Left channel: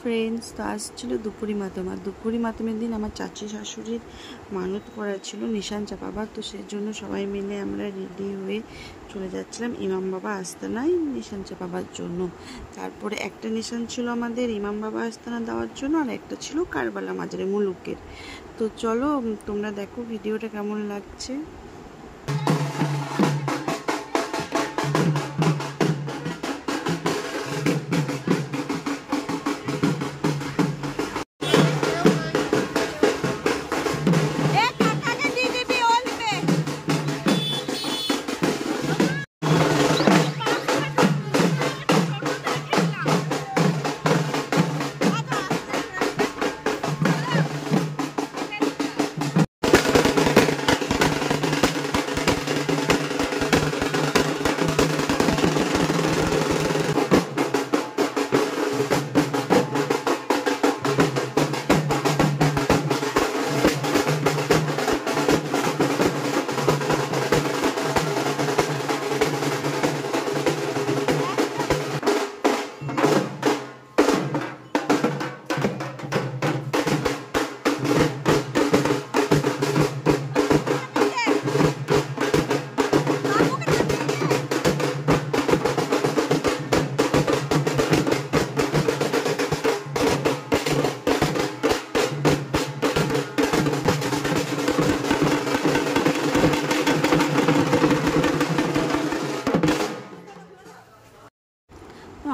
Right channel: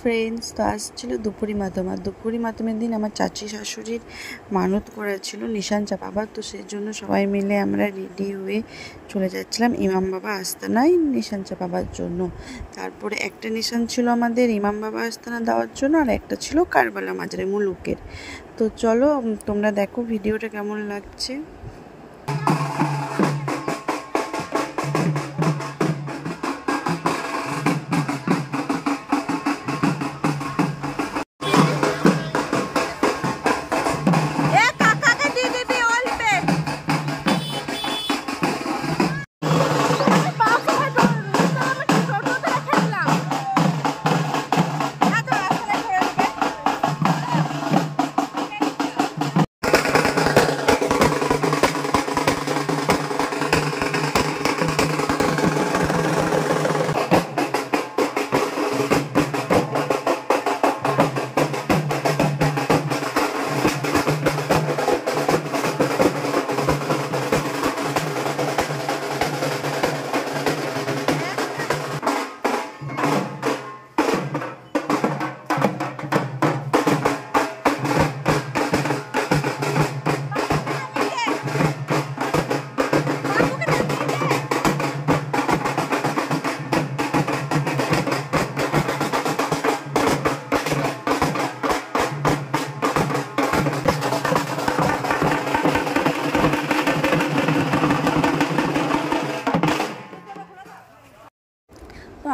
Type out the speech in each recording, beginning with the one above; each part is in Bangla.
ফ্রেন্ডস, তো আজ ছিল দুপুরি মাতম। আর দুপুরি মাতমের দিন আমার চাচি শাশুড়ির মানত করা ছিল নিশান চাপাবার, তো সেই জন্য সবাই মিলে আমরা রেডি হয়ে চলে যাচ্ছিলাম ইমাম বাবা আস্তানায় নিশান চাপাবার জন্য। তারপরে একটা নিশান ছিল আমাদের ইমাম বাবা আস্তানা দেওয়ার জন্য, আর একটা ছিল কারবালা মাজারে মুলুকের। তো চলো তোমরা দেখো ভিডিওটা কেমন লাগছে।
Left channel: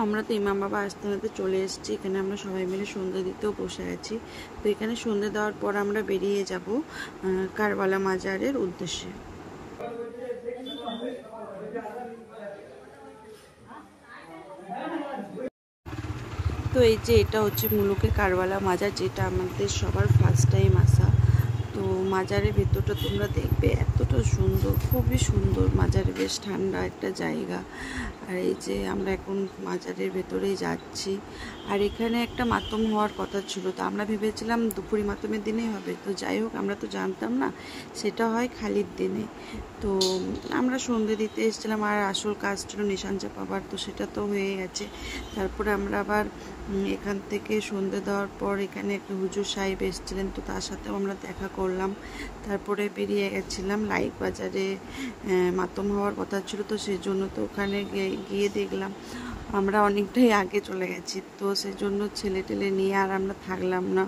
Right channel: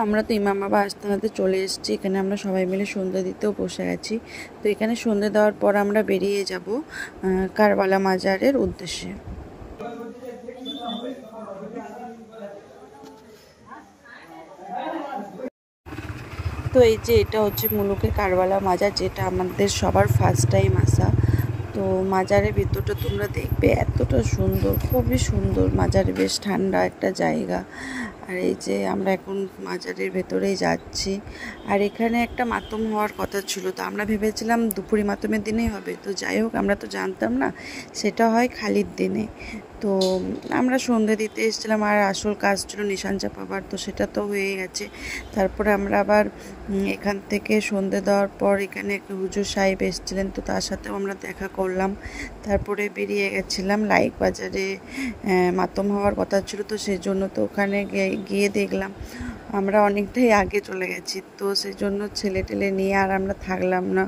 আমরা তো ইমাম বাবা আস্তানাতে চলে এসেছি। এখানে আমরা সবাই মিলে সন্ধ্যা দিতেও বসে গেছি। তো এখানে সন্ধ্যা দেওয়ার পর আমরা বেরিয়ে যাব কারবালা মাজারের উদ্দেশ্যে। তো এই যে এটা হচ্ছে মুলুকের কারবালা মাজার, যেটা আমাদের সবার ফার্স্ট টাইম আসা। তো মাজারের ভিতরটা তোমরা দেখবে, এতটা সুন্দর, খুবই সুন্দর। মাজারে বেশ ঠান্ডা একটা জায়গা। আর এই যে আমরা এখন মাজারের ভেতরেই যাচ্ছি। আর এখানে একটা মাতম হওয়ার কথা ছিল, তো আমরা ভেবেছিলাম দুপুরি মাতমের দিনেই হবে। তো যাই হোক, আমরা তো জানতাম না সেটা হয় খালির দিনে। তো আমরা সন্ধে দিতে এসেছিলাম, আর আসল কাজ ছিল নিশান চাপাবার, তো সেটা তো হয়ে গেছে। তারপরে আমরা আবার এখান থেকে সন্ধে দেওয়ার পর এখানে একটা হুজুর সাহেব এসেছিলেন, তো তার সাথেও আমরা দেখা করলাম। তারপরে বেরিয়ে গেছিলাম লাইক বাজারে, মাতম হওয়ার কথা ছিল, তো সেই জন্য তো ওখানে গিয়ে দেখলাম আমরা অনেকটাই আগে চলে গেছি। তো সেই জন্য ছেলে টেলে নিয়ে আর আমরা থাকলাম না,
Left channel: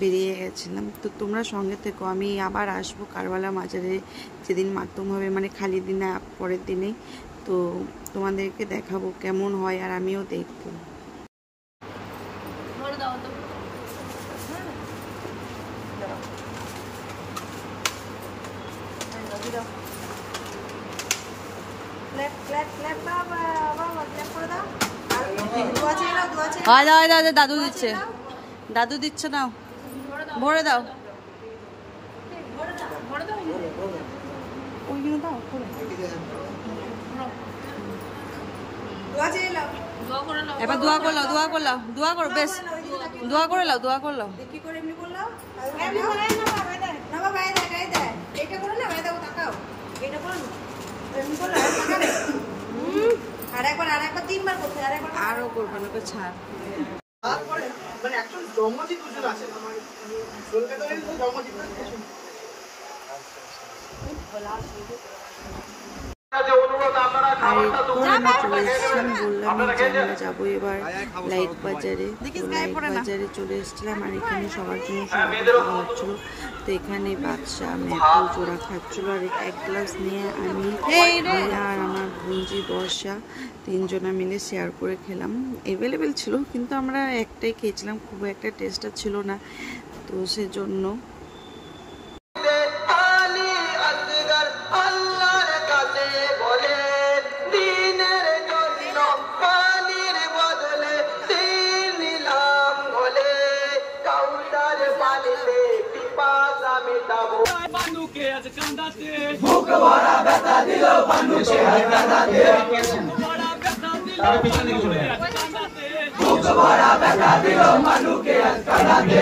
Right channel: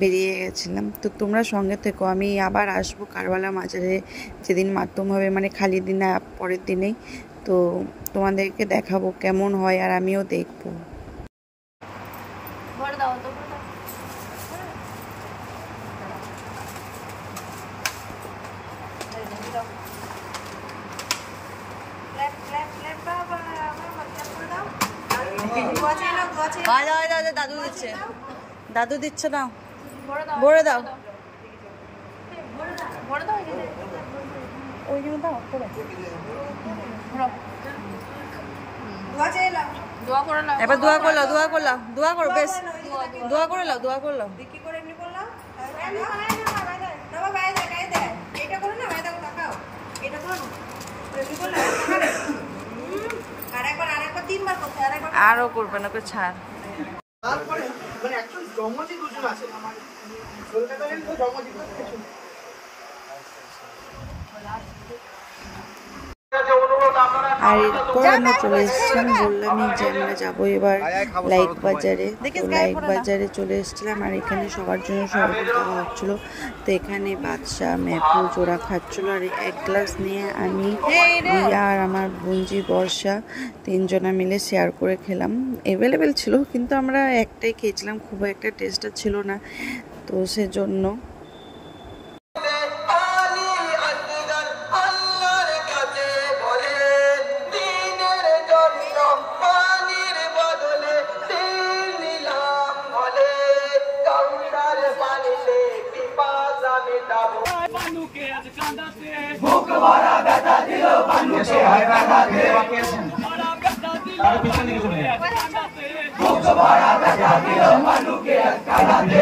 বেরিয়ে গেছিলাম। তো তোমরা সঙ্গে থেকো, আমি আবার আসবো কারবালা মাজারে যেদিন মাতম হবে, মানে খালি দিন পরের দিনেই। তো তোমাদেরকে দেখাবো কেমন হয়, আর আমিও দেখবো। দাদু দিচ্ছে, দাদু দিচ্ছে, নাও ভরে দাও, ওইখানে দাও করে। এবার দোয়া করলাও, দোয়া করলাও, দোয়া করো, বেশ দোয়া করে লাও, দোয়া করে লাও। আরো করবে না, ছাড়। আর এরপর আমরা চলে এসেছিলাম, বললামই যে আমরা যাবো এবার লাইক বাজারে। তো লাইক বাজারে চলে এসেছিলাম, আর এখানে সবার জন্য শরবত দেওয়া হচ্ছিল। তো এখানে বাদশা মেহফুল জোড়া খাচ্ছিল, আর এক গ্লাস নিয়ে আমি, রিয়া আর আমার বোনজি বর্ষা তিনজনা মিলে শেয়ার করে খেলাম। অ্যাভেলেবেল ছিল, কিন্তু আমরা একটাই খেয়েছিলাম, খুব একটা টেস্টটা ছিল না, তো সেজন্য। বুক ভরা ব্যথা দিল মানুষে তার পিছনে কিছু নেই। বুক ভরা ব্যথা দিল মানুষকে কাঁদাতে